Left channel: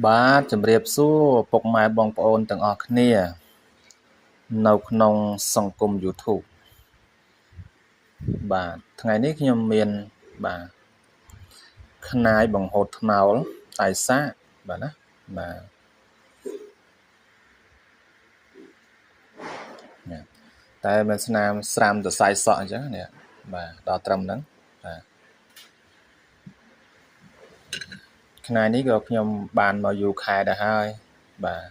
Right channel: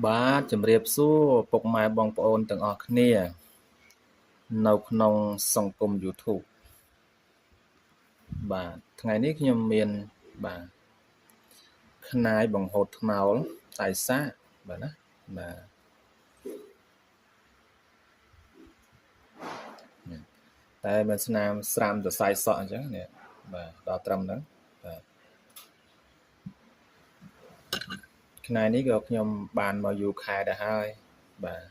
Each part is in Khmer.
បាទជំរាបសួរពុកម៉ែបងប្អូនទាំងអស់គ្នានៅក្នុងសង្គម YouTube បាទថ្ងៃនេះខ្ញុំមានបាទខ្នាយបង្ហូតថ្នោលតែសាកបាទណាបាទតែមិនស្នាមស្រាំសរសៃសក់អញ្ចឹងនេះបាទដល់ត្រឹមហ្នឹងបាទខ្នាយនេះក៏ខ្ញុំបានមកយូរខែដែរហើយបាទ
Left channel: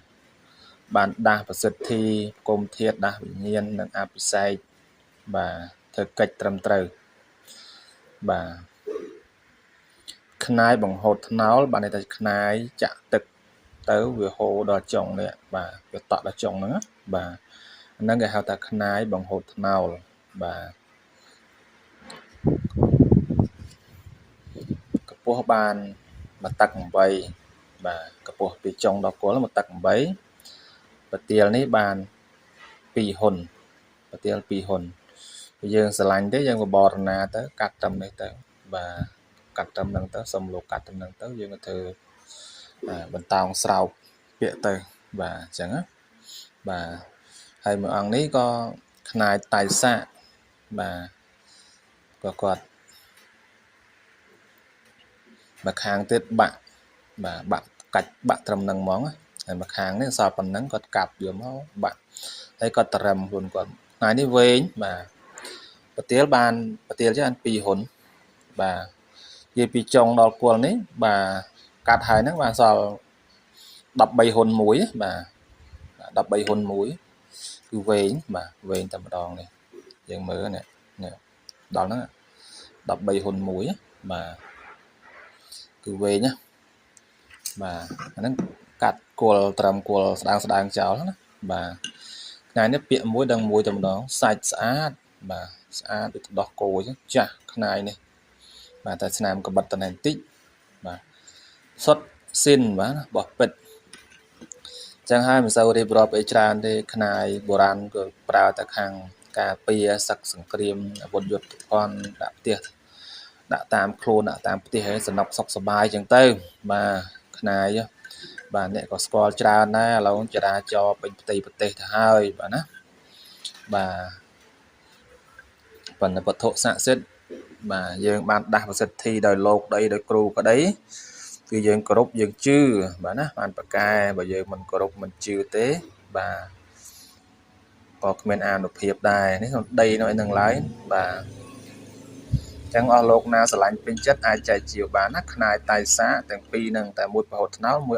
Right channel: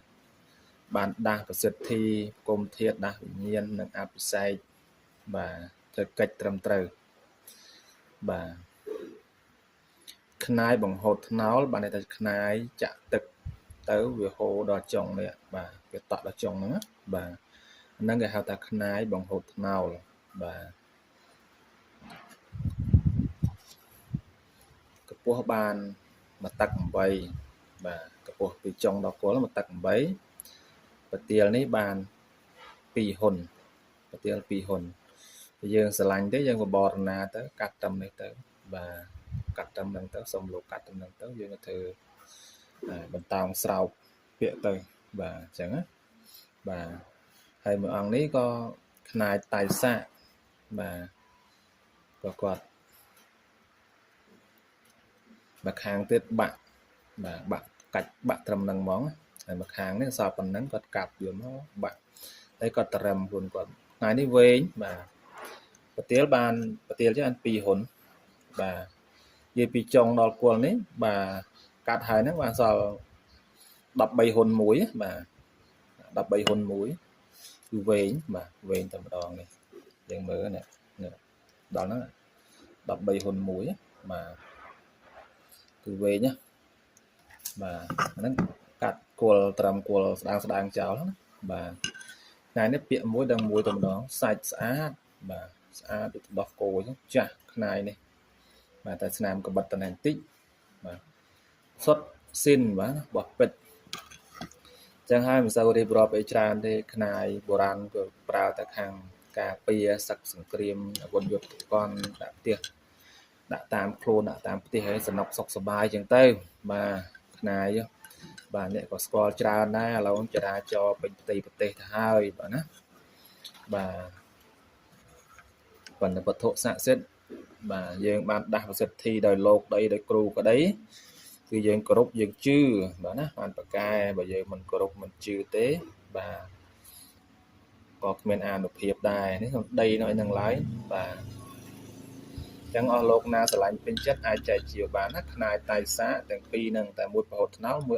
បានដាស់ប្រសិទ្ធិគុំធាតដាស់វិញ្ញាណនិងអភិសេកបាទធ្វើកិច្ចត្រឹមត្រូវបាទខ្នាយបង្ហូតថ្នោលបានន័យថាខ្នាយចាក់ទឹកទៅវាហូរដល់ចុងនេះបាទវាតក់ដល់ចុងហ្នឹងបាទហ្នឹងគេហៅថាខ្នាយបង្ហូតថ្នោលបាទកម្ពស់បាន1តឹក8បាទកម្ពស់ពីចុងដល់គល់1តឹក8ប្រទាលនេះបាន2ហ៊ុនប្រទាល2ហ៊ុនយើងស្រឡាញ់ទេយើងបបរណាទៅកាត់ត្រឹមនេះទៅបាទកាត់ត្រឹមហ្នឹងទៅសុំលោកកាត់ត្រឹមហ្នឹងទៅយើងក៏ធ្វើបន្តោងស្រោបពាក្យទៅបាទអញ្ចឹងណាបាទហើយមួយអង្គនេះក៏ខ្នាយតៃសាកបាទក៏គាត់មកខាងទៀតបាក់បាទបាក់កាច់បាក់ត្រឹមហ្នឹងហ្មងហើយមកខាងនេះសល់ប៉ុណ្ណឹងគាត់កាប់យកមកបាក់ហើយគាត់ត្រឹមខ្លួនគាត់ថ្ងៃនេះវែងបាទប្រទាលបានប្រទាលជាបាន2ហ៊ុនបាទនិយាយពីចុងដល់គល់នេះបាទកាត់ហើយហ្នឹងបានសល់13ហ៊ុនមួយបាទ13ហ៊ុនមួយគឺវែងបាទវែងតែម្ដងនេះយើងមើលនេះដល់ហ្នឹង13ហ៊ុនមួយបាទគឺវែងណាបាទអាហ្នឹងកាត់គល់ត្រឹមគល់ស្ដើងចោលណាបាទថ្ងៃនេះពាក្យមួយដល់មួយតែម្ដងសាច់ស្អាតបាទស្អាតដូចទឹកដោះគោអញ្ចឹងចាស់ខ្នាយនេះបាទតែស្នាមកបិតតបន្តិចបាទសុទ្ធស៊ីនបាទបោះពិតចឹងហើយមិនសូវរៀបរាប់អីច្រើនទេខ្នាយបុរាណក៏ប្រើតែខាងការពារសឹកសង្គ្រាមអាវុធយុទ្ធភ័ណ្ឌដាក់ផ្ទះដាក់តាមខ្លួនដាក់តាមផ្ទះឲ្យសំណុកសុខសប្បាយចឹងទៅបាទខ្នាយបាទអ្នកក៏ស្គាល់ច្រើនដែរឥឡូវចរាចរណ៍ពេញផ្ទៃប្រទេសទៅហើយបាទណាបាទបណ្ឌិតវត្ថុស័ក្តិសិទ្ធិបាទយើងបានដាស់ប្រសិទ្ធិដោយលោកដីដោយគ្រូក្តីគឺយើងគោរពយើងជឿបាទណាបានប្រកែបើយើងមិនគោរពមិនជឿទេបាទក៏គ្មានអានុភាពដែរនេះដីនៅឯនឹងឡើយបាទចឹងអស់លោកណាស្រឡាញ់ពេញចិត្តអាចចែកជាវបានណាខ្នាយតៃសាទាំងពីរនឹងតែមួយប្រហូតថ្នោលមួយ